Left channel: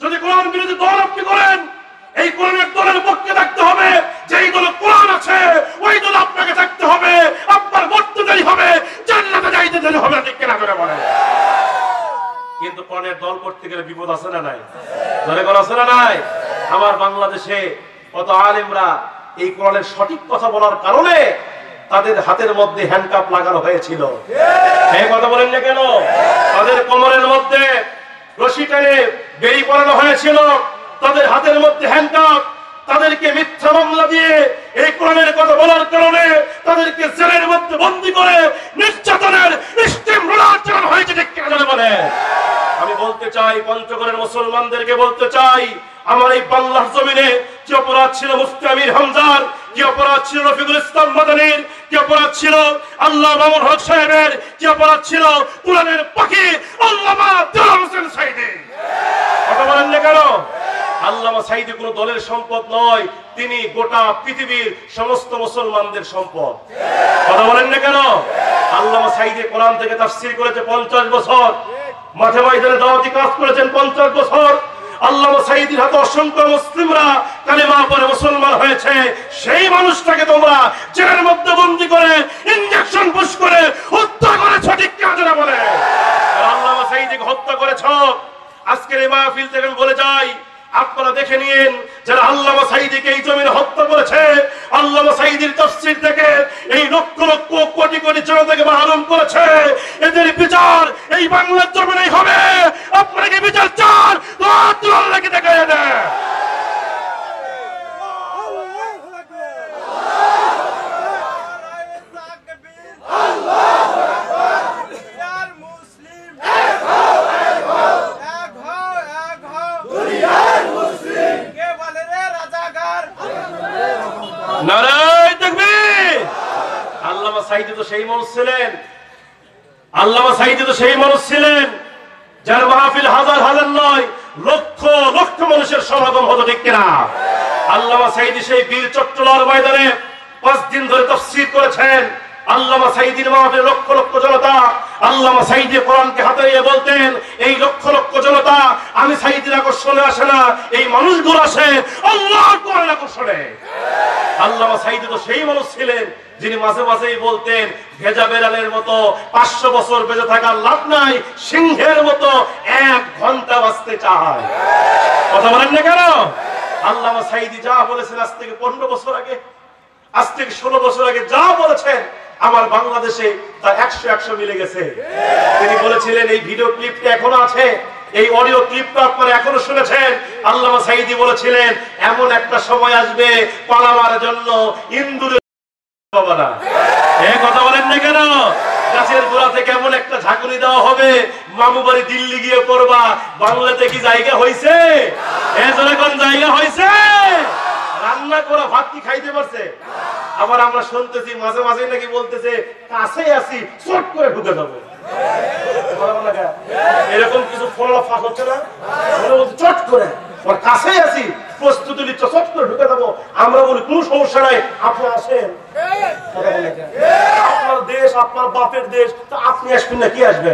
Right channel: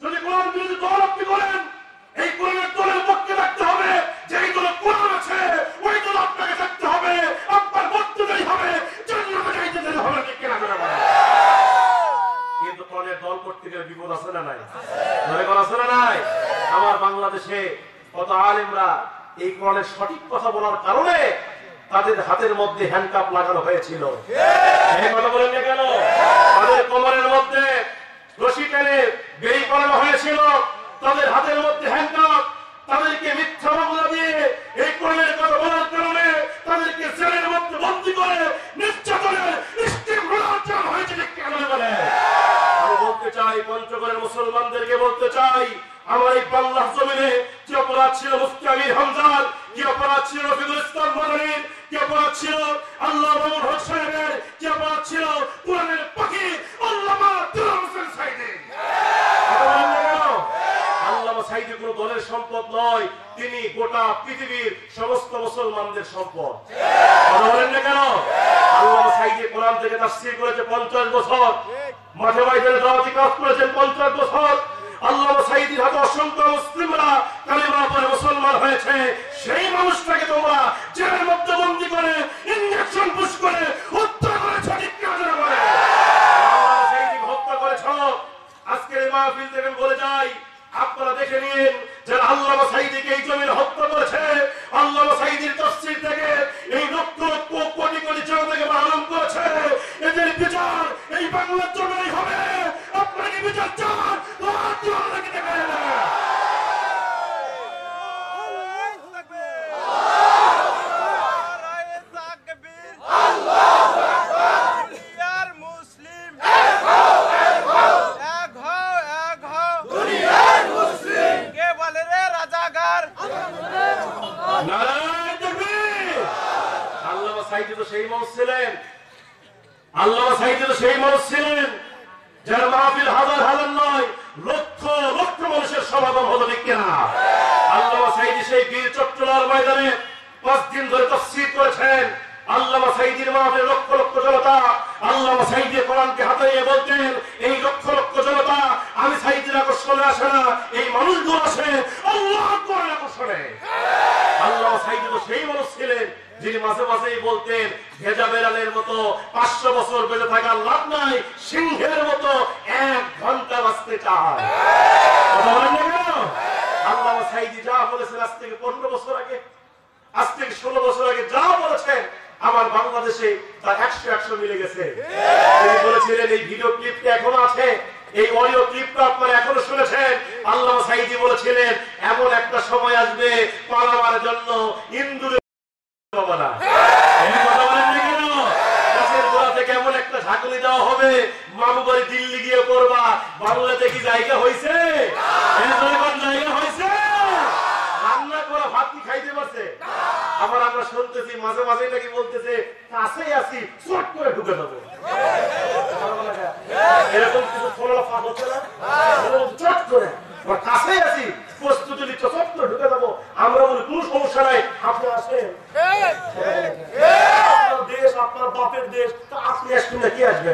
যদি কোরআন বিরোধী দল আপনি করেন, এই কোরআনের দলের পক্ষে থাকতে হবে। যেই দলে কোরআন আছে ওই দলে আপনাকে থাকতে হবে। আপনার মরতে দেরি হবে, জান্নাতে যাইতে দেরি হবে, ঠিক কিনা করে বলেন। কিন্তু কোরআনের দল করতে গেলে বিপদ আছে না নাই? ধরে কোন আছে না নাই? আমার বাংলাদেশে কত আলেমরা এই কোরআনের সঠিক কথা বলার কারণে তাদের হাতের মধ্যে হ্যান্ডকাপ লাগানো হয়েছিল। এই কথা বলেন না কেন? তাদের কোমরের মধ্যে রশি টেনে বেড়ি পরানো হয়েছিল, তাদের হাতের মধ্যে হ্যান্ডকাপ। তাদেরকে মিথ্যা মামলা দিয়ে এই কোরআনের কথা বলার কারণে তাদেরকে জেলের মধ্যে বন্দী করে নির্যাতনের স্টিম রোলার চালানো হয়েছে, ঠিক কিনা বলে। আমি বলতে চাই, পঞ্চগড়ের মুসলমানদেরকে বলতে চাই, আমার এই বাংলার জমিনে কি অপরাধ ছিল মুফতি আমির হামজার, কি অপরাধ ছিল রফিকুল ইসলাম মাদানীর, কি অপরাধ ছিল আল্লাহ মামুন হক সাহেবের, কি অপরাধ ছিল কোরআনের পাখি আল্লামা দেলোয়ার হোসেন সাঈদী। কথা বলেন না কেন? আল্লামা সাঈদী কোন দলের সম্পদ নয়, তিনি গোটা পৃথিবীর সমস্ত মুসলমানদের সম্পদ। কথা বলেন না কেন? আল্লামা সাঈদী কোরআন থেকে তাফসীর করেছে 50 বছর, মাঠে ময়দানে দাওয়াতি কাজ করেছেন 50 বছর। আল্লামা সাঈদীর হাতে অসংখ্য মুসলিমরা কালেমা পড়ে মুসলমান হয়েছে। সেই মানুষটাকে তোমরা জেলের মধ্যে বন্দী করে ইনজেকশন পুশ করে হত্যা করেছ, ঠিক কিনা বলে। আল্লামা সাঈদীকে হত্যা করেছ। আজকের এই মাহফিল থেকে বলে যাই, আপনারা দেখে নিন, যারা আল্লামা সাঈদীকে এই জমিনে হত্যা করেছে, আল্লামা সাঈদীর তাফসীর থেকে এই লক্ষ লক্ষ কোটি কোটি জনতাকে মাহরুম করেছে, এদের বিচার এই বাংলার জমিনেই হবে। আপনারা কি বিচার চান? তো আল্লাহকে দেখায় দেন। নারায়ে তাকবীর। আল্লামা সাঈদী তো সেই মানুষ ছিলেন, আল্লামা সাঈদী তো সেই মানুষ ছিলেন যার মাহফিল হাজার হাজার নয় লক্ষ লক্ষ মানুষের সমাগম হতো, ঠিক কিনা? আল্লামা সাঈদী সেই বীর চট্টলার ময়দানে 5 দিন ধরে তাফসীর করেছেন। আল্লামা সাঈদীর মাহফিলে লক্ষ লক্ষ জনতা, আল্লামা সাঈদী কোরআনকে হাতে নিয়ে বলতেন, এই লক্ষ লক্ষ জনতা আমি সাঈদীর আকর্ষণে আসে না, এই মানুষগুলো আসে আল্লাহর কোরআনের আকর্ষণে। আল্লামা সাঈদী তো সেই মানুষ ছিলেন যিনি মাঝে মাঝেই বলতেন, ভেজা বেড়ালের মতো 500 বছর বেঁচে থাকার লাভ নাই, সিংহের মতো 1 ঘন্টা বাঁচতে চায়। কথা বলেন না কেন? আল্লামা সাঈদী যা বলেছেন আজ থেকে 15 বছর আগে, আজ থেকে 16 বছর আগে যা বলেছেন, আমার বাংলাদেশে তা 100 মিলে গেছে। তিনি বলেছিলেন, এই ভিডিও ক্লিপটা এখনো আছে, এই অডিও ক্লিপটা আপনারা এখনো শুনেছেন। আল্লামা সাঈদী বলেছিলেন, এমন একটা সময় আসবে পালাবার জন্য ইন্দুরে পাবা না। এই কথা বলেন না কেন? গাছের গোড়া থেকে এমন একটা ঝাঁকুনি দেওয়া হবে, মামু বাড়ি দিল্লি গিয়ে করবা। বাংলাতে কি জায়গা হয়েছে? কোন জায়গা হয়েছে? রান্না করা ভাত কি খাইতে পারছে? আবার আমরা শুনতেছি মাঝে মাঝে নাকি বলতেছে, কাছে আসি চট করে ঢুকে যাবো। এরকম কিছু ফলাফল হচ্ছে না? চট করে ওর কাছে আসি, প্রস্তুতি নিচ্ছ, চট করে ঢুকে যাবো। আমরা বলি কোন সমস্যা নাই, আপনি আসেন। আপনার দেশ, আপনার বাপের দেশ, তা আপনি আসবেন না, কি আসবে?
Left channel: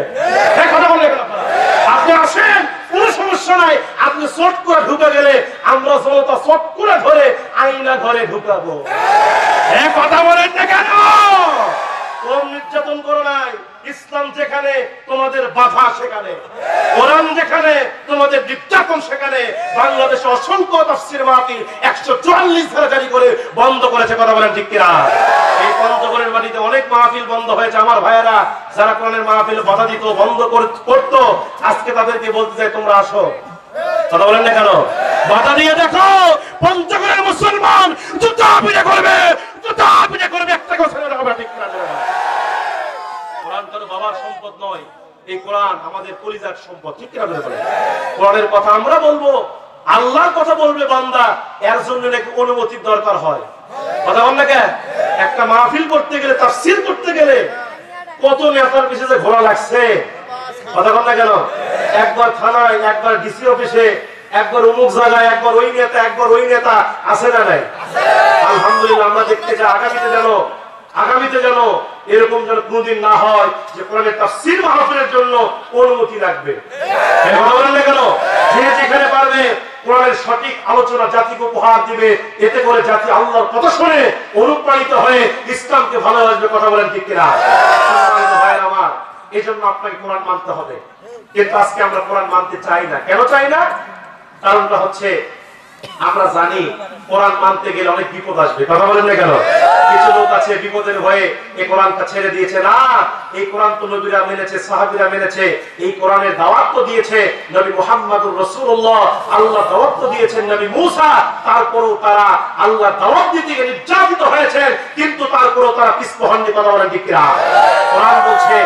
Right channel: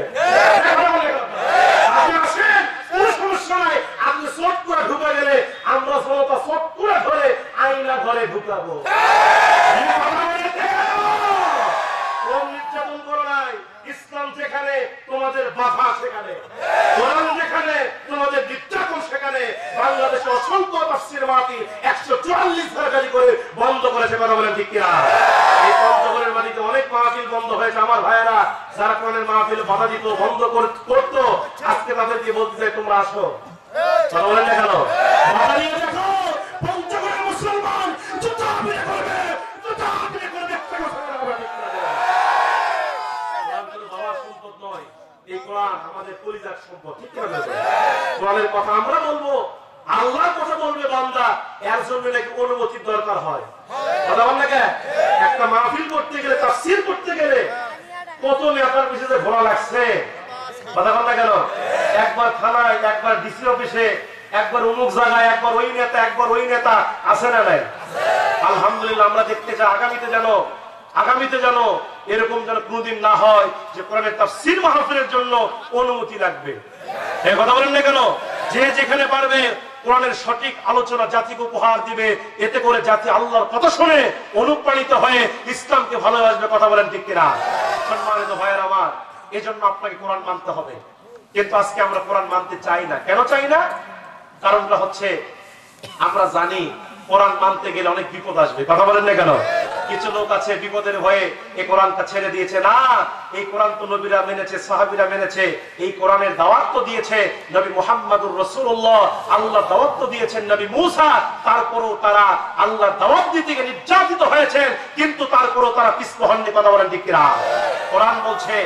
আপনি আসেন, কোন সমস্যা নাই। আপনি চট করে ঢুকে গেলে আমরা জনতা চট করে ধরে আইনা ঘরে ঢুকাবো। কথা বলেন না কেন? কম নির্যাতন করো নাই। ইসলাম যেখানে তোমাদের বাধা, সেখানে কোরআন যেখানে তোমাদের নির্যাতন, সেখানে বাংলাদেশে অসংখ্য তাফসীর মাহফিল 144 ধারা জারি করে বন্ধ করেছে। কথা বলেন ঠিক কিনা? এই পঞ্চগড়ের মাটিতে অনেক মাহফিল বন্ধ হয়েছে। আমার ভাইয়েরা যারা কোরআনের মাহফিল বাধা দিত, বন্ধ করতো, আজকে তাদেরকে বলতে চাই, তোমরা আসো। কথা বলেন না কেন? বাধা দিয়ে দেখো, পঞ্চগড়ের মুসলমান জুতা পিটা করবে, জুতা পিটা করবে, একটা কথা বলা ঠিক না। কোরআন তো বাবার সম্পদ নয়, এই কোরআন আমাদের কলিজার সম্পদ, ঠিক না? কোরআনের কথা আমরা বলবো, আল্লাহর কথা বলবে বান্দা, এর জন্য নাকি অনুমতির দরকার হয়। কথা বল না কেন? একটা মাহফিল করতে গেলে, তাফসীর করতে গেলে কত নেতার পিছনে ঘোরা লাগছে। কথা বল না কেন? একবার থানায়, একবার ডিসি অফিসে, একবার অমুক জায়গায়, একবার ওই নেতা, একবার ওই নেতা, আছে না নাই? আলহামদুলিল্লাহ আমরা দেখতে চাই আগামীতে যেন এরকম যেন কোনদিন না হয় যে কোরআনের তাফসীর মাহফিলের জন্য অনুমতি লাগবে। কথা বলেন না কেন? যে যেখানে পারবে যাবে, কোরআনের সঠিক আলোচনা জাতিকে উপহার দিবে, এতে করে জাতি আল্লাহর কথা শুনে অনুপ্রাণিত হয়ে ইসলামকে ভালোবাসবে। কথা বলেন ঠিক কিনা? সম্মানিত ভাইয়েরা আমার, এজন্য আপনাকে কোরআন মানতে হবে। কিন্তু আজকে আমরা কোরআন মানতে চাই না। কেন চাই না? কারণটা হচ্ছে আমরা জানি কোরআন মানতে গেলে অনেক বিপদ আসবে। কথা বলেন না কেন? কিছু লোক আছে বিপদের ভয়ে এই কোরআনটা ছেড়ে দিয়েছে। না, এই কোরআন তো নবীরা মেনেছে, সাহাবীরা মেনেছে, এই কোরআনের দাওয়াত তো দিয়েছে নবী মুহাম্মদুর রাসূলুল্লাহ, আল্লাহ দাওয়াত তো দিয়েছেন নবী মূসা। তারপরেও তারা আল্লাহ দাওয়াত দিতে গিয়ে নির্যাতিত হয়েছে, কিন্তু তারপরেও তারা পিছপা হননি। কথা বলেন ঠিক কিনা? কোরআন বলছে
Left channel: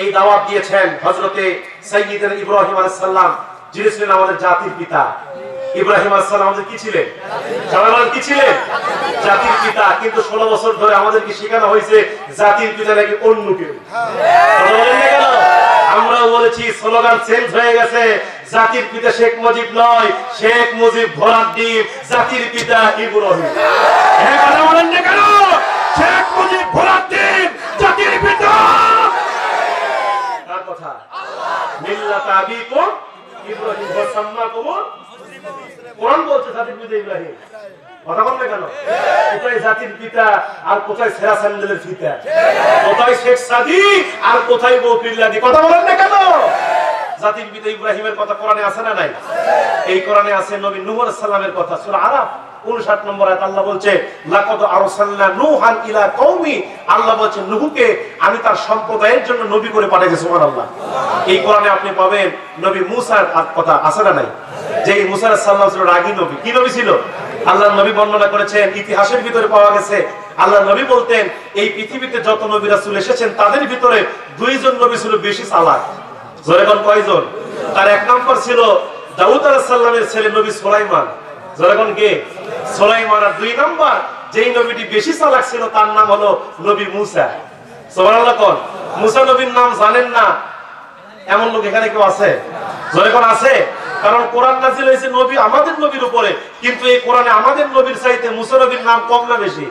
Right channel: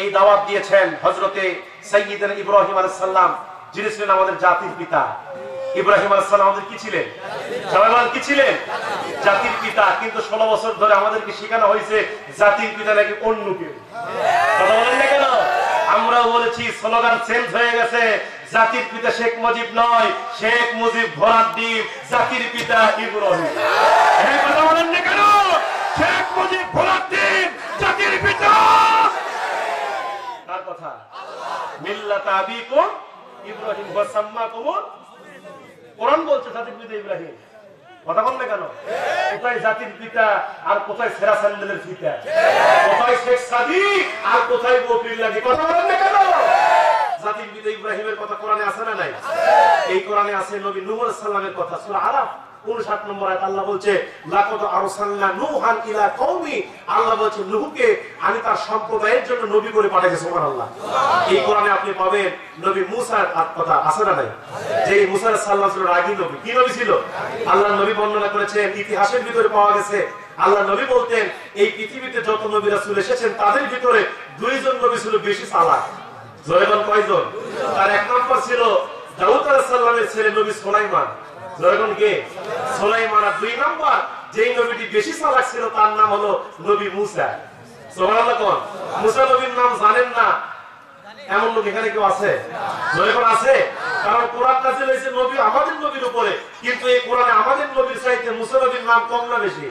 এই দাওয়াত দিয়েছেন হযরতে সাইয়্যিদনা ইব্রাহিম আলাইহিস সালাম, যিনি ছিলেন আমাদের জাতির পিতা। ইব্রাহিম আলাইহিস সালাম আমাদের কি ছিলেন? সবাই বলেন কি ছিলেন? জাতির পিতা। কিন্তু 16 বছর ধরে আমাদেরকে শেখানো হয়েছে জাতির পিতা নাকি অন্য কেউ। আমরাও বলেছি, স্লোগান চেঞ্জ হয়ে গেছে, জাতির পিতা শেখ মুজিব নয়, শেখ মুজিব ঘোড়ার ডিম, জাতির পিতা ইব্রাহিম। হ্যাঁ, কথা বলেন না কেন? শেখ মুজিব ঘোড়ার ডিম, জাতির পিতা কার কথা? মিল্লাত আবিকুম ইব্রাহিম ওয়া সাম্মাকুম। কোরআন বলছে জাতির পিতা ইব্রাহিম। কথা বলেন না কেন? কোথায় জাতির পিতা আর কোথায় সেরা স্যান্ডেলের ফিতা? কোথায় শেখ সাদি আর কোথায় বকরিল্লাদি? কথা বলেন না কেন? জাতির পিতা ইব্রাহিমের কথা কোরআনে আছে না নাই? এই কোরআনে আছে নবী নূহ আলাইহিস সালামের কথা। সূরা আরাফ 59 নম্বর আয়াত আল্লাহ বলছে, লাকাদ আরসালনা নূহান ইলা কওমি। আল্লাহ বলছে নূহকে আমি তার সম্প্রদায়ের জন্য নবী করে পাঠিয়েছি। সুবহানাল্লাহ। এই কোরআনে আপনি পাবেন নবী মূসার কথা আছে না নাই? যে মূসা আলাইহিস সালাম ছিল রাগী নবী। কি নবী ছিল? আল্লাহর নবী বর্ণনা করেছেন, ইতিহাসের ভিতরে পাওয়া গেছে আল্লাহর নবী বলতেন এই পৃথিবীতে যত নবী রাসূল এসেছেন তাদের ভিতরে দুইজন নবী ছিল বেশি চালাক। জোরে বলেন কয়জন? তার এক নম্বর ছিল দাউদ আলাইহিস সালামের ছেলে নবী সুলাইমান। জোরে বলেন কে? সুলাইমান। আর দুই নম্বর যেই নবীটি বেশি চালাক ছিল তার নাম হলো নবী মূসা। সুবহানাল্লাহ। কোন মূসা নবীর নাম জানেন না এমন লোক এখানে কেউ আছে? জোরে কোন আছে? কারণ কোরআন নাযিল হয়েছে নবী আমাদের নবীর উপরে, কিন্তু এই কোরআনে আমাদের নবীর চাইতে মূসা নবীর নাম কম না বেশি?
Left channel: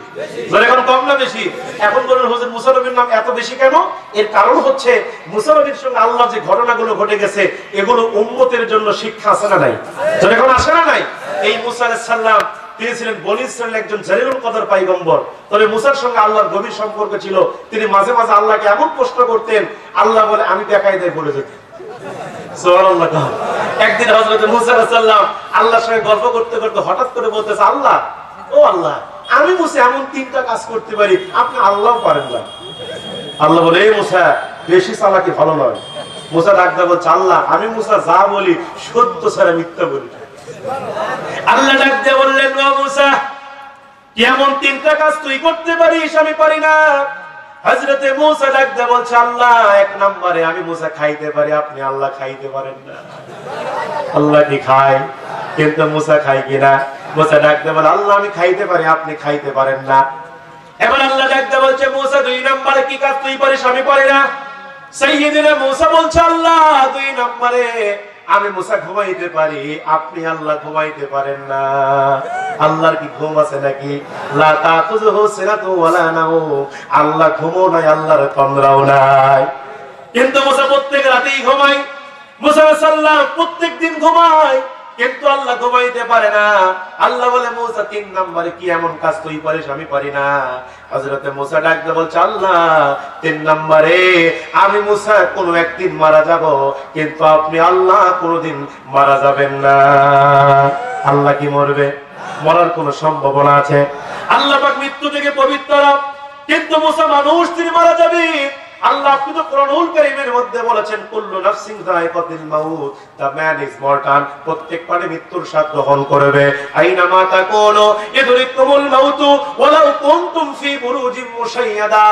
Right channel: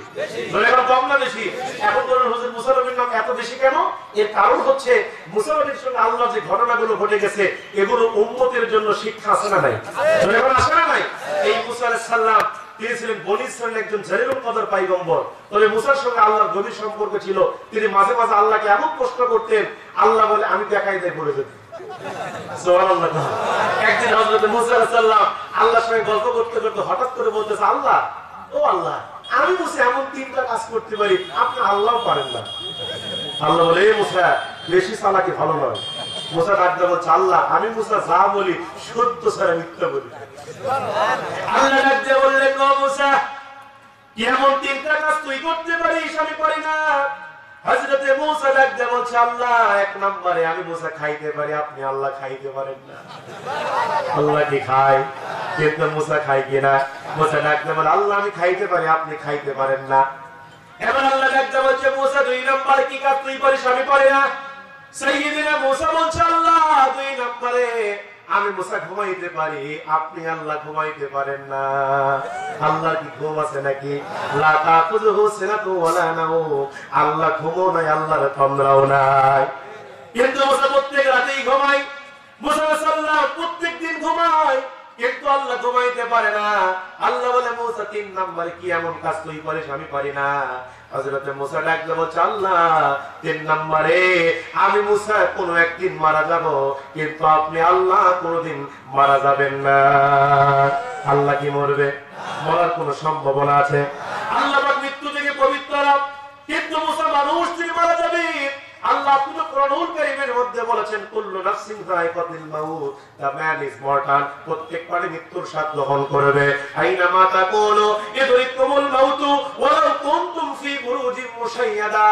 জোরে কোন কম না বেশি? এখন বলেন হুজুর মূসা নবীর নাম এত বেশি কেন? এর কারণ হচ্ছে মূসা নবীর সঙ্গে আল্লাহ যে ঘটনাগুলো ঘটে গেছে এগুলো উম্মতের জন্য শিক্ষা আছে না নাই? জোরে কোন আসে না নাই? এই মূসা আলাইহিস সালাম তিনি ছিলেন বনী ইসরাইলের একজন জালিলুল কদর পয়গম্বর। তবে মূসার সঙ্গে আল্লাহর গভীর সম্পর্ক ছিল। তিনি মাঝে মাঝে আল্লাহকে এমন প্রশ্ন করতেন, আল্লাহ বলে আমি দেখাই দেয় বলে যেতেন। সুবহানাল্লাহ। একদিন হযরত মূসা আলাইহিস সালাম আল্লাহর সঙ্গে গল্প করতে করতে হঠাৎ করে বলতেছে, আল্লাহ ও আল্লাহ, আমি মূসা এমন তিনটা কাজ করতে পারি, আপনি আল্লাহও পারেন না। আল্লাহ বলে, এই মূসা বেশি চালাকি ভালো নয়। মূসা ডাকতে বলছে, আল্লাহ আমি মূসা যা বলি সত্য ছাড়া মিথ্যা বলি। আল্লাহ ডাকতে বললেন, ও মূসা এমন তিনটা কাজ তুই করতে পারিস আমি পারি না। হযরতে মূসা ডাকতে বলছে, আল্লাহ এক নম্বরে আমি মূসা খাইতে পারি, আপনি আল্লাহ খাইতে পারেন না। আল্লাহ কি খায়? কিন্তু মূসা খায় কিনা? মূসা ডাকতে বলে, আল্লাহ আমি খাইতে পারি, আপনি খাইতে পারেন না। এবার আল্লাহ ডাকতে বলছে, মূসা দুই নম্বরে কি কাজ তুই পারিস আমি পারি না? সাইয়্যিদনা মূসা বলছে, আল্লাহ দুই নম্বরে আমি মূসা ঘুমাইতে পারি, আপনি আল্লাহ ঘুমাইতে পারেন না। আল্লাহর কি ঘুম আছে নাকি? লা তাখুযুহু সিনাতু ওয়ালা নাওম। আল্লাহ ঘুমও নাই, আল্লাহর তন্দ্রাও নাই। কিন্তু মূসা প্রত্যেক রাতেই ঘুমায়। মূসা আলাইহিস সালাম প্রত্যেকদিন ঘুমায়, কিন্তু আল্লাহ ঘুমাইতে পারে না। আল্লাহ বলে, মূসা তিন নম্বরে কি এমন কাজ তুই পারিস আমি পারি না? হযরতে মূসা ডাকতে বলছে, আল্লাহ তিন নম্বরে আমি মূসা কোনো একদিন মারা যাব, কিন্তু আপনি আল্লাহ কোনোদিন মারা যাবেন না। আল্লাহ কি মরবে? মরার কোনো সম্ভাবনা আছে? আল্লাহ পাক মৃত্যু থেকে পবিত্র, কিন্তু মূসা মানুষ, তিনি মারা যাবে। আল্লাহ আপনি তো কোরআনুল কারীমের মধ্যে বলেছেন, কুল্লু নাফসিন যায়কাতুল মাউত, দা ম্যান ইজ মর্টাল। প্রত্যেক প্রাণী মৃত্যুর স্বাদ গ্রহণ করবে। আইনা মা তাকুনু ইদরিকুমুল মাউত ওয়ালাউ কুনতুম ফি বুরুজিন মুশাইয়াদা।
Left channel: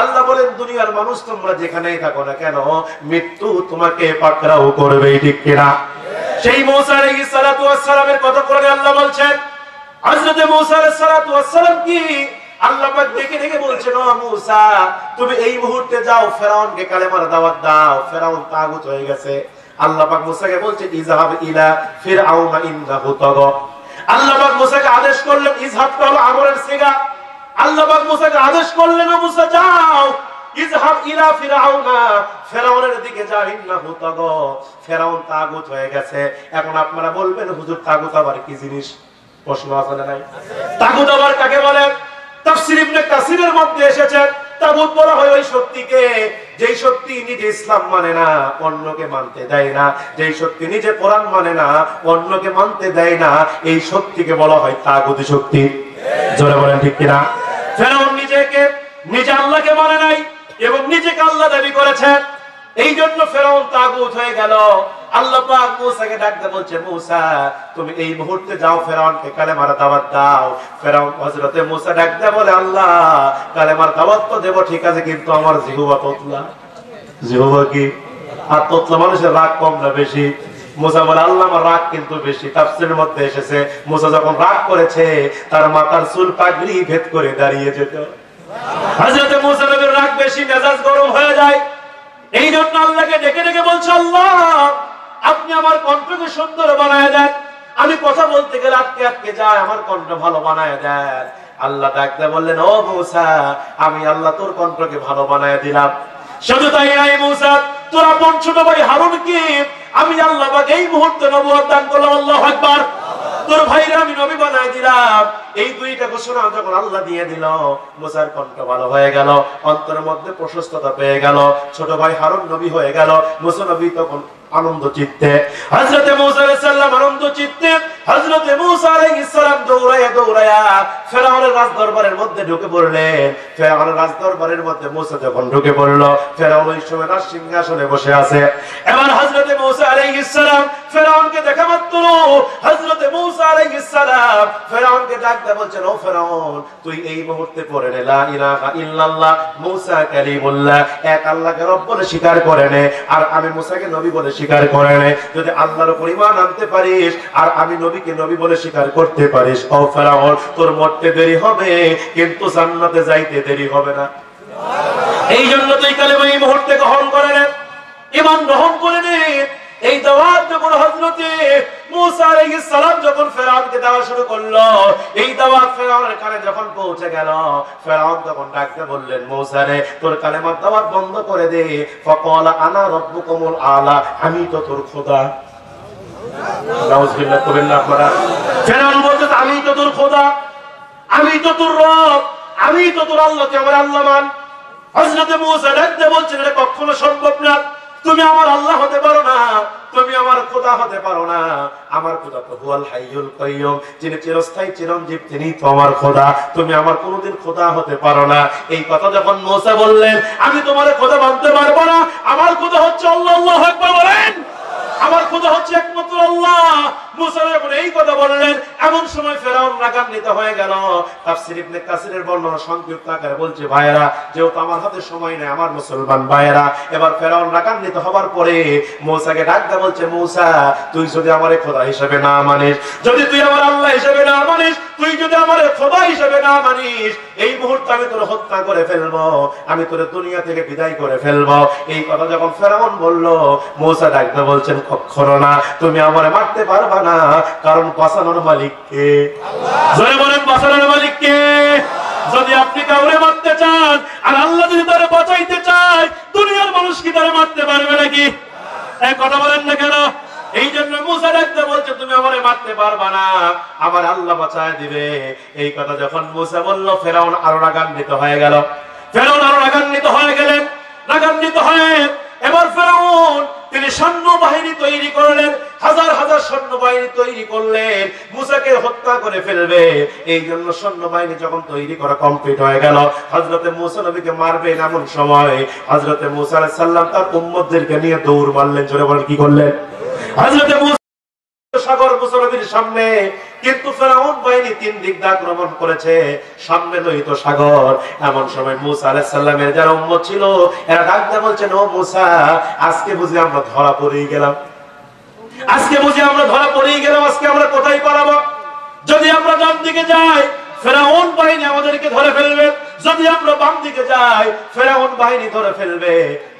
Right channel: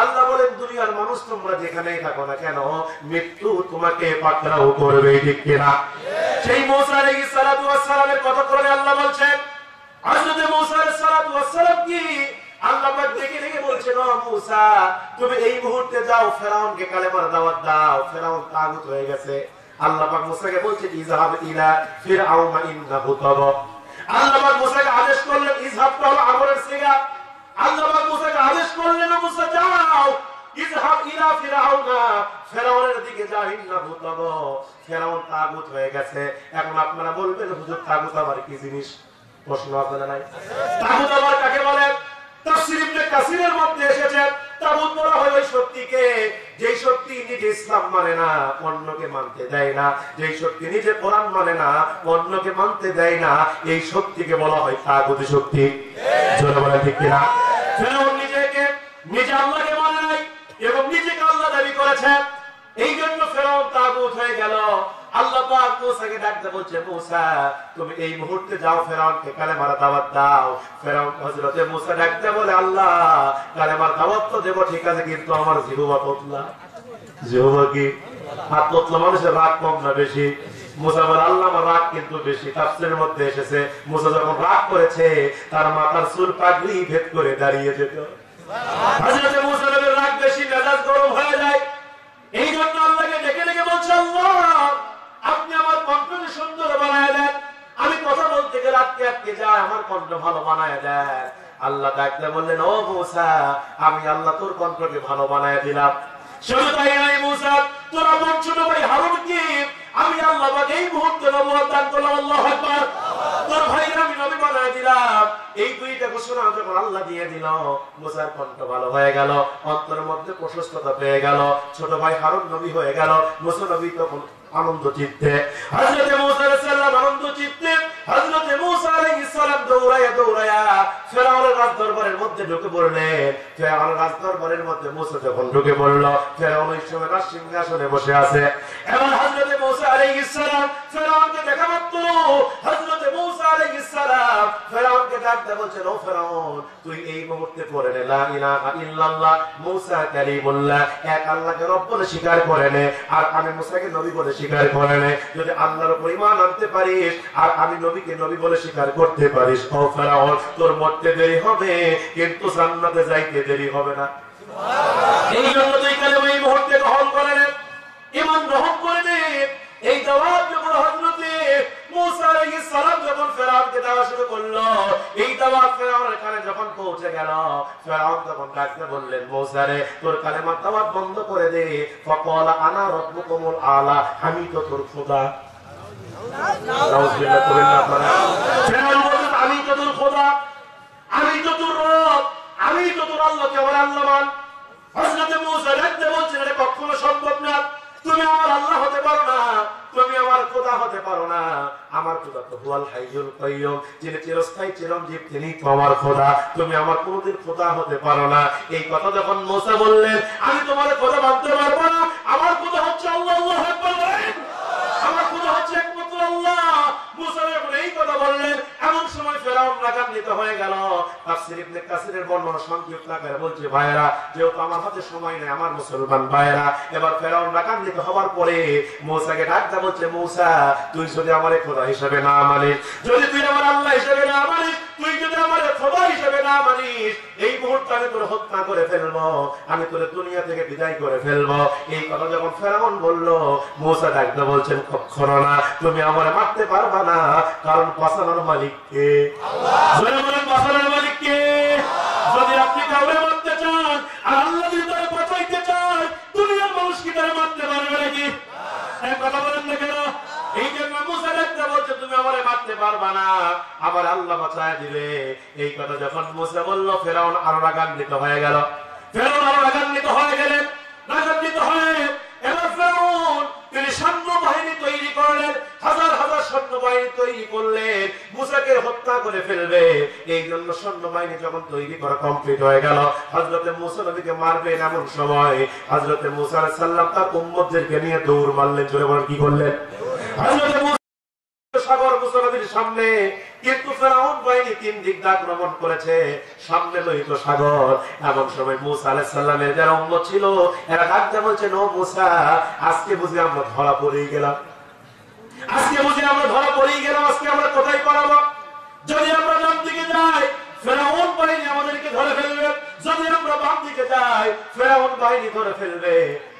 আল্লাহ বলেন, দুনিয়ার মানুষ তোমরা যেখানেই থাকো না কেন মৃত্যু তোমাকে পাকড়াও করবে। ঠিক কিনা? সেই মূসা আলাইহিস সালাতু ওয়াস সালামের কথা কোরআনে আল্লাহ বলছেন। হযরত মূসা আলাইহিস সালাতু ওয়াস সালাম কি আল্লাহ পাক দেখে দেখে বলছেন, ও মূসা তুমি এই মুহূর্তে যাও ফেরাউনকে কালেমার দাওয়াত দাও, ফেরাউন তাগুত হয়ে গেছে। আল্লাহ পাক মূসাকে বলছেন, ইযহাব ইলা ফিরআউনা ইন্নাহু তাগা। আল্লাহ পাক মূসাকে আদেশ করলেন, ইযহাব হলো আমরের সিগা। আল্লাহ পাক মূসাকে আদেশ করলেন, ও মূসা যাও ইযহাব ইলা ফিরাউনা, ফেরাউনের দিকে যা, ইন্নাহু তাগা, ফেরাউন তাগুত হয়ে গেছে। এখন আপনারা বলবেন হুজুর তাগুত আবার কি জিনিস? প্রশ্ন আছে না নাই? তাগুত আবার কাকে বলে? তাফসীর ইবনে কাসিরের মধ্যে এসেছে তাগুত বলা হয় ওই শক্তিকে যেই শক্তি নিজে ইসলাম মানে না, অন্যকে মানতে দেয় না, যেই শক্তি নিজে কোরআন মানে না, অন্যকে মানতে দেয় না, এই শক্তিকে বলা হয় তাগুতি শক্তি। জোরে বলেন ঠিক কিনা? ফেরাউন নিজে আল্লাহকে মানে নাই এবং নিজেকে আল্লাহ দাবি করেছে, এই জন্য ফেরাউন তাগুত হয়ে গেল। আল্লাহ পাক মুসাকে ডাকতে বলছে, মুসা তুমি এই মুহূর্তে যাও ফেরাউনকে কালেমার দাওয়াত দাও। ফেরাউন হযরতে মুসা ডাকতে বলে, আল্লাহ কালেমার দাওয়াত তো দেব ঠিক আছে, কিন্তু আমার জিহ্বা তোতলা। জিহ্বা কি? আর তোতলা মানুষের রাগ কম না বেশি? মুসা বলে, আল্লাহ আমার রাগ কিন্তু বেশি। তাফসীরের মধ্যে এসেছে মুসা যখন রাগ করেছে তার মাথার চুল পাগড়ি ভেদ করে দাঁড়িয়ে যেত। হযরতে মুসা নবীর রাগ বেশি, মেজাজ গরম হয়ে যায়। এই জন্য আল্লাহকে ডেকে ডেকে বলছে, আল্লাহ আপনি আমার কণ্ঠকে সুন্দর বানায় দেন, আমি কথা বলতে গেলে আটকে আটকে যায়, আমার কণ্ঠ ভালো বানায় দেন। আল্লাহ ডাকতে বললেন, ও মুসা আমি আল্লাহ তোর কণ্ঠকে ভালো বানায় দিলাম। শুধু তাই নাই মুসা, তোর আপন ছোট ভাই হারুনকে আমি আল্লাহ পাক এই মুহূর্তে নবুয়ত দান করলাম। আল্লাহু আকবার। তোর ভাইরা আমি নবী বানায় দিলাম। এই দুইটা ঘোষণা যখন আল্লাহ দিয়ে দিল, মুসার কণ্ঠ ভালো হয়ে গেল, অন্তরের মধ্যে প্রশস্ততা পেয়ে গেল, ছোট ভাই হারুন নবী হয়ে গেল। মুসা নবী তখন আনন্দ চিত্তে, হযরতে মুসা আলাইহিস সালাম আনন্দ চিত্তে, হযরতে মুসা আলাইহিস সালাম দৌড়ায়া ফেরাউনের রাজদরবারের মধ্যে ঢুকে পড়লেন। ফেরাউনের রাজদরবারের মধ্যে মুসা যখন ঢুকে পড়ল, ফেরাউন ওই সময় তার সিংহাসনে বসে আছে। এবার হযরতে মুসা আলাইহিস সালাম ফেরাউনকে দেখা মাত্র হযরতে মুসা আলাইহিস সালাম ফেরাউনকে ডাকতে বলছেন, ও ফেরাউন তুই এই মুহূর্তে পড়ে নে লা ইলাহা ইল্লাল্লাহ মুসা কালিমুল্লাহ, এক আল্লাহকে রব বলে স্বীকার করে নে, আর আমি মুসাকে নবী বলে স্বীকার করে নে। যদি আল্লাহর উপর ঈমান আনতে পারিস আর আমি নবীকে নবী বলে স্বীকার করতে পারিস, ও ফেরাউন তোর মরতে দেরি হবে কিন্তু জান্নাতে যাইতে দেরি হবে না। এই জন্য তুই কালেমা এই মুহূর্তে গ্রহণ করে নে, ঈমান গ্রহণ করে নে। এই দাওয়াত যখন হযরতে মুসা আলাইহিস সালাম যখন ফেরাউনকে দেওয়া শুরু করলো, এই দাওয়াত ফেরাউনের কানে যখন পৌঁছে গেল, ফেরাউন তখন ডাকতে বললেন, মুসা রে তোর কালেমার দাওয়াত বন্ধ করে দে। ফাকালা আনা রাব্বুকুমুল আলা, আমি তো তোর খোদা। নাউযুবিল্লাহ করেন না আপনারা? ফেরাউন বলতে আমি তো তোর খোদা, আমি তো তোর রব, আমি তো তোর আল্লাহ, তুই আমার আল্লাহ মান। হযরতে মুসা ডাকতে বলছেন, এটা কখনো সম্ভব না, তুমি আমার আল্লাহ হতে পারো না, তুমি আমার খোদা হতে পারো না। আমার খোদা তো হুয়াল হাইয়ুল কাইয়ুম, যিনি চিরস্থায়ী চিরঞ্জীব, তিনি তো আমার খোদা, তুমি আমার কোনোদিন খোদা হতে পারো না। এই কথা যখন মুসা বললেন, আমি তোমার খোদা মানতে পারবো না, আমার খোদা হচ্ছে আল্লাহ। আল্লাহু আকবার বলেন। আমার খোদা হচ্ছে একমাত্র আল্লাহ। মুসা যখন এই কথা বললেন, এমন সময় ফেরাউন রাগান্বিত হয়ে গেল। তাফসীর ইবনে কাসিরের বর্ণনা সংক্ষিপ্ত আকারে বলছে, ভাইরা যেহেতু আমার হাতে সময় নেই, আমার মুসলমান ভাইরা, এবার ফেরাউন রাগান্বিত হওয়ার পরে মুসাকে ডাকতে বলছে, মুসা তুই যদি আমার খোদা হিসেবে না মানিস, যদি তুই আমার আল্লাহ হিসেবে না মানিস, তুই যদি আমার খোদা হিসেবে না মানিস, এই মুহূর্তে আমি তোর হত্যা করে ফেলবো, আমি তোর দুনিয়া থেকে বিদায় করে ফেলবো। এই কথা যখন ফেরাউন বলল, মুসা ডাকতে বলছেন, কখনো না, তুমি আমারে মারতে পারবা না, কারণ বাঁচানোর মালিক কে? জোরে বলেন, বাঁচানোর মালিক কে? যদি আপনি কাউরে মারতে চান আর আল্লাহ যদি তারে বাঁচাইতে চায়, দুনিয়ার মানুষ কি তারে মারতে পারবে নাকি? এই কথা বলেন না কেন? এই জন্য মুসা ডাকতে বলছে, তুমি আমারে মারতে পারবা না, আমার আল্লাহ বাঁচায় দিবে। এই কথা যখন মুসা বলল, ফেরাউন আরো রাগান্বিত হয়ে গেল। ফেরাউন আরো রাগান্বিত হয়ে গেলেন। রাগান্বিত হয়ে এবার ফেরাউন তিনি সৈন্য বাহিনী তৈরি করলেন, হাজার হাজার সৈন্য বাহিনী তৈরি করলেন, মুসাকে হত্যা করে ফেলবে। এই জন্য সৈন্য বাহিনী যখন তৈরি করা কমপ্লিট হয়ে গেল, হযরতে মুসা নবীকে মারবেন এমন সময় হযরতে মুসা আলাইহিস সালাম তার উম্মতদেরকে নিয়ে দৌড় মারলেন। জোরে বলেন, কি করলেন? হযরতে মুসা সাগর মুসা নবীর সামনে, কিন্তু ফেরাউন বাহিনী তিন দিক দিয়ে আক্রমণ করেছে, সামনে লোহিত সাগর। এমন সময় মুসা আলাইহিস সালামের যারা উম্মত ছিল, এরা ডাকতে বলছেন, ও মুসা আজকে বুঝি আমরা ধরা পড়েই গেলাম, আজকে বুঝি আমরা ধরা পড়েই গেলাম, আজকে আমরা কোথায় পালাবো? যদি আমরা ডান দিকে যাই ফেরাউন বাহিনী আমাদেরকে ধরে ফেলবে, যদি আমরা বাম দিকে যাই ফেরাউন বাহিনী ধরে ফেলবে,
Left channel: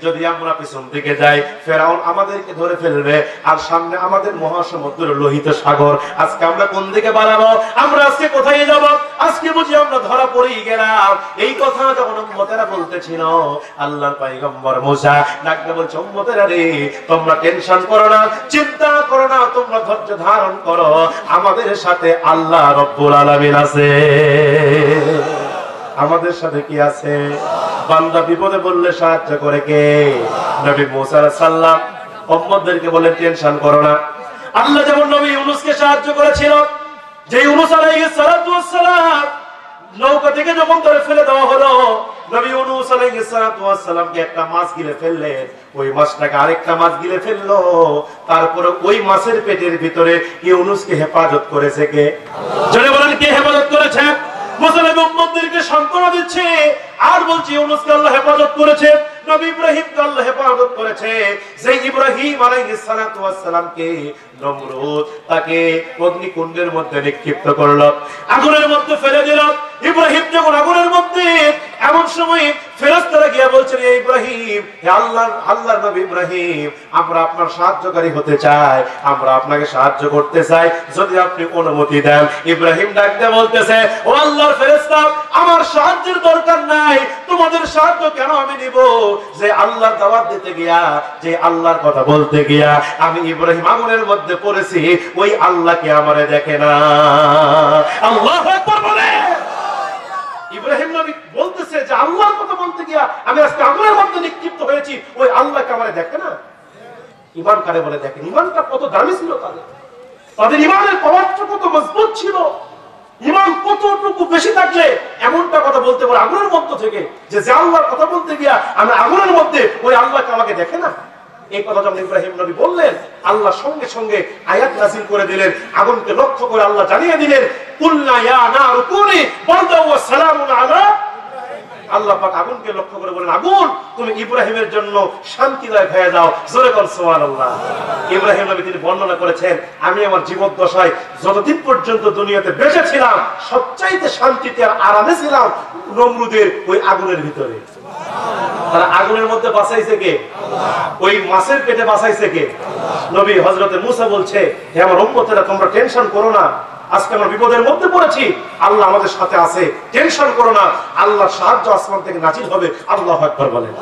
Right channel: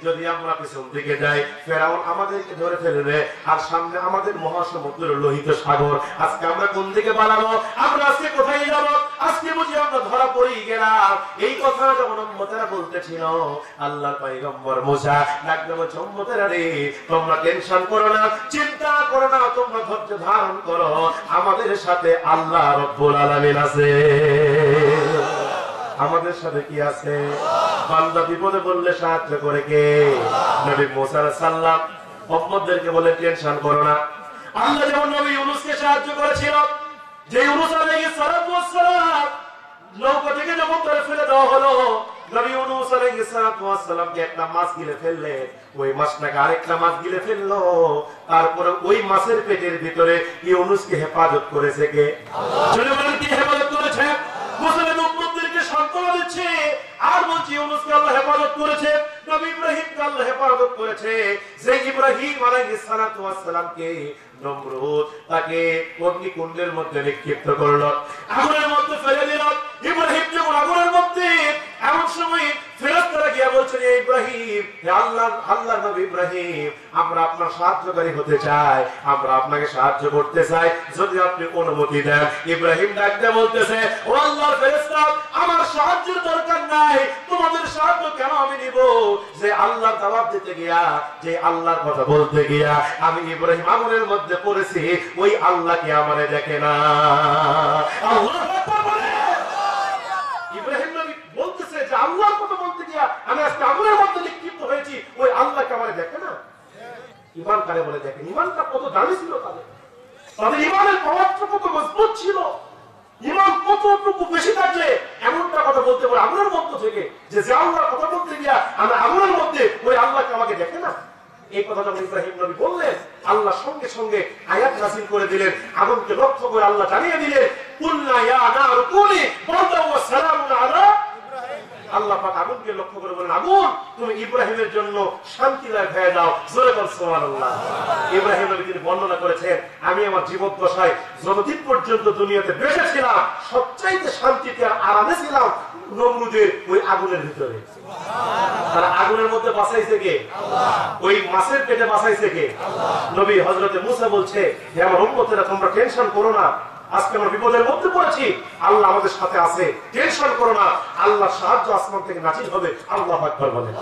যদি আমরা পিছন দিকে যাই ফেরাউন আমাদেরকে ধরে ফেলবে, আর সামনে আমাদের মহাসমুদ্র লোহিত সাগর। আজকে আমরা কোন দিকে বাড়াবো? আমরা আজকে কোথায় যাব? আজকে বুঝি আমরা ধরা পড়েই গেলাম। এই কথা যখন উম্মতেরা বলতেছিল, আল্লাহর পয়গম্বর মুসা ডাকতে বলছে, উম্মতেরা রে, তোমরা টেনশন করো না, চিন্তা করো না, তোমরা ধৈর্য ধারণ করো, আমাদের সাথে আল্লাহ রব্বুল আলামিন আছে। আমাদের সাথে কি আছে? বান্দা বিপদে পড়লে সাহায্য করে কে? নবী মুসা আলাইহিস সালাম উম্মতদেরকে বলেন টেনশন করো না। আল্লাহ যেমন নবী ইউনূসকে সাহায্য করেছিল, যে ইউনূস আলাইহিস সালাতু ওয়াস সালাম নৌকা থেকে যখন ধরে ফেলে দেওয়া হলো, নবী ইউনূস আলাইহিস সালাতু ওয়াস সালামকে একটা মাছ গিলে ফেললেন, ওই মাছটাকে আরেকটা মাছ গিলে ফেললো, তারপরে ওই মাছের পেটের ভিতরে ইউনূসকে হেফাজত করেছে কে? আল্লাহ। জোরে বলেন, কে হেফাজত করেছে? মুসা নবী উম্মতদেরকে সান্ত্বনা দিচ্ছে আর বলছে ইউনূসকে আল্লাহ হেফাজত করেছে, নবী ইব্রাহিমকে আল্লাহ হেফাজত করেছে। যে ইব্রাহিম আলাইহিস সালাতু ওয়াস সালামকে নমরুদ তাকে অগ্নিকুণ্ডের মধ্যে নিক্ষিপ্ত করলো, আগুনের মধ্যে ফেলে দিল। ইব্রাহিম যখন আগুনের মধ্যে, এমন সময় ফেরেশতারা গিয়ে বলছেন, হে ইব্রাহিম, হে আল্লাহর নবী ইব্রাহিম, আমরা আপনার সাহায্যকারী হতে চাই, আমরা আপনাকে সাহায্য করতে চাই, যদি আপনি অনুমতি দেন। ইব্রাহিম ডাকতে বলতেছে, ও আল্লাহর ফেরেশতা, আমার সাহায্যের দরকার নাই, তোমাদের সাহায্য কেন আমি নিব? যে আল্লাহর দাওয়াত দিতে গিয়া, যে আল্লাহর কথা বলতে গিয়া আমি ইব্রাহিম আগুনের মধ্যে পড়েছি, ওই আল্লাহকে আমারে দেখে না। আল্লাহু আকবার বলে। ইব্রাহিম নবী বলতেছে যে আল্লাহর কথা বলতে গিয়া আমি আজকে আগুনের মধ্যে নিক্ষিপ্ত হয়েছি, ওই আল্লাহকে আমারে দেখে না। ঈমান কারে বলে দেখেন? ঈমানটা কত দামি ছিল তাদের, তাদের ঈমানের পাওয়ারটা কত মজবুত ছিল। ঈমান কতটুকু বেশি থাকলে এমনটা কথা বলতে পারে আগুনের মধ্য থেকে, যে আল্লাহর কথা বলতে গিয়া আমি আগুনের মধ্যে, ওই আল্লাহকে আমাকে দেখে না। এই কথা যখন ইব্রাহিম নবী বললেন, আল্লাহ সঙ্গে সঙ্গে আয়াত নাযিল করে দিলেন, আগুনকে লক্ষ্য করে আল্লাহ জানিয়ে দিলেন, কুলনা ইয়া নারু কুনি বারদাও ওয়া সালামুন আলা। আল্লাহ পাক আগুনকে লক্ষ্য করে বলেন, আগুন তুমি ইব্রাহিমের জন্য শান্তিদায়ক হয়ে যাও। জোরে বল সুবহানাল্লাহ। ইব্রাহিম নবী তিনি বর্ণনা করেছেন, আমি আমার জীবদ্দশায় যতদিন পর্যন্ত দুনিয়াতে বেঁচে ছিলাম, সবচাইতে শান্তিতে আর আরামে ছিলাম নমরুদের ওই আগুনের ভিতরে। তারা আগুনের মধ্যে বাঁচাইছে কে? আল্লাহ। ওই মাছের পেটে বাঁচাইছে কে? আল্লাহ। নবী হযরত মুসা বলছে, হে আমার উম্মতেরা, তোমরা টেনশন করো না, আজকে আমরা বিপদের মধ্যে পড়েছি, আল্লাহ আমাদের সাথে আছে, টেনশন করো না, আল্লাহর সাহায্য আসমান থেকে নাজিল হবে। আল্লাহু আকবার বলেন।